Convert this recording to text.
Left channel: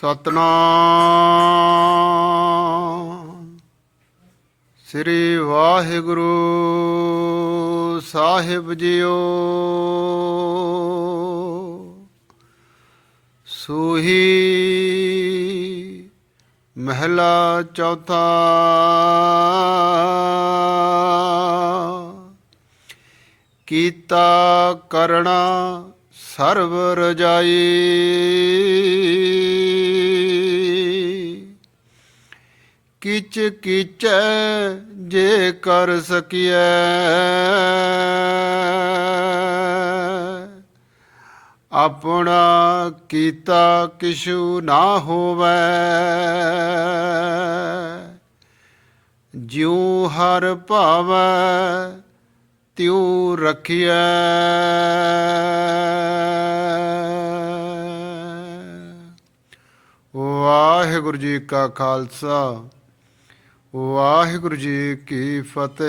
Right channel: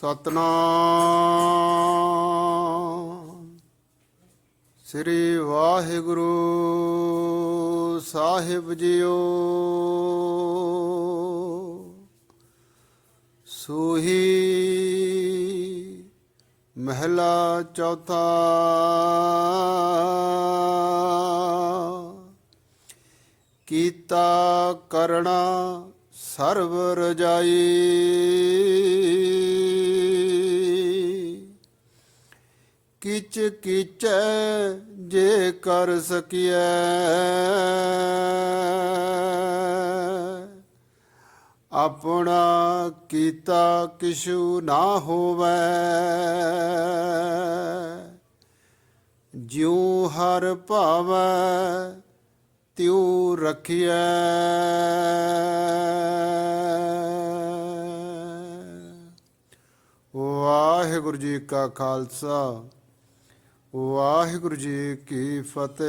ਸਤਨਾਮ। ਸ੍ਰੀ ਵਾਹਿਗੁਰੂ ਸਾਹਿਬ ਜੀਓ। ਸੂਹੀ ਮਹਿਲਾ ਚੌਥਾ। ਕੀਤਾ ਕਰਣਾ ਸਰਬ ਰਜਾਈ। ਕਿਚ ਕਿਚ ਜੇ ਕਰ ਸਕੀਐ। ਆਪਣਾ ਕੀਤਾ ਕਿਛੂ ਨਾ ਹੋਵੇ। ਜਿਉ ਹਰ ਭਾਵੈ, ਤਿਉ ਰਖਿਐ। ਵਾਹਿਗੁਰੂ ਜੀ ਕਾ ਖਾਲਸਾ। ਵਾਹਿਗੁਰੂ ਜੀ ਕੀ ਫਤਿਹ।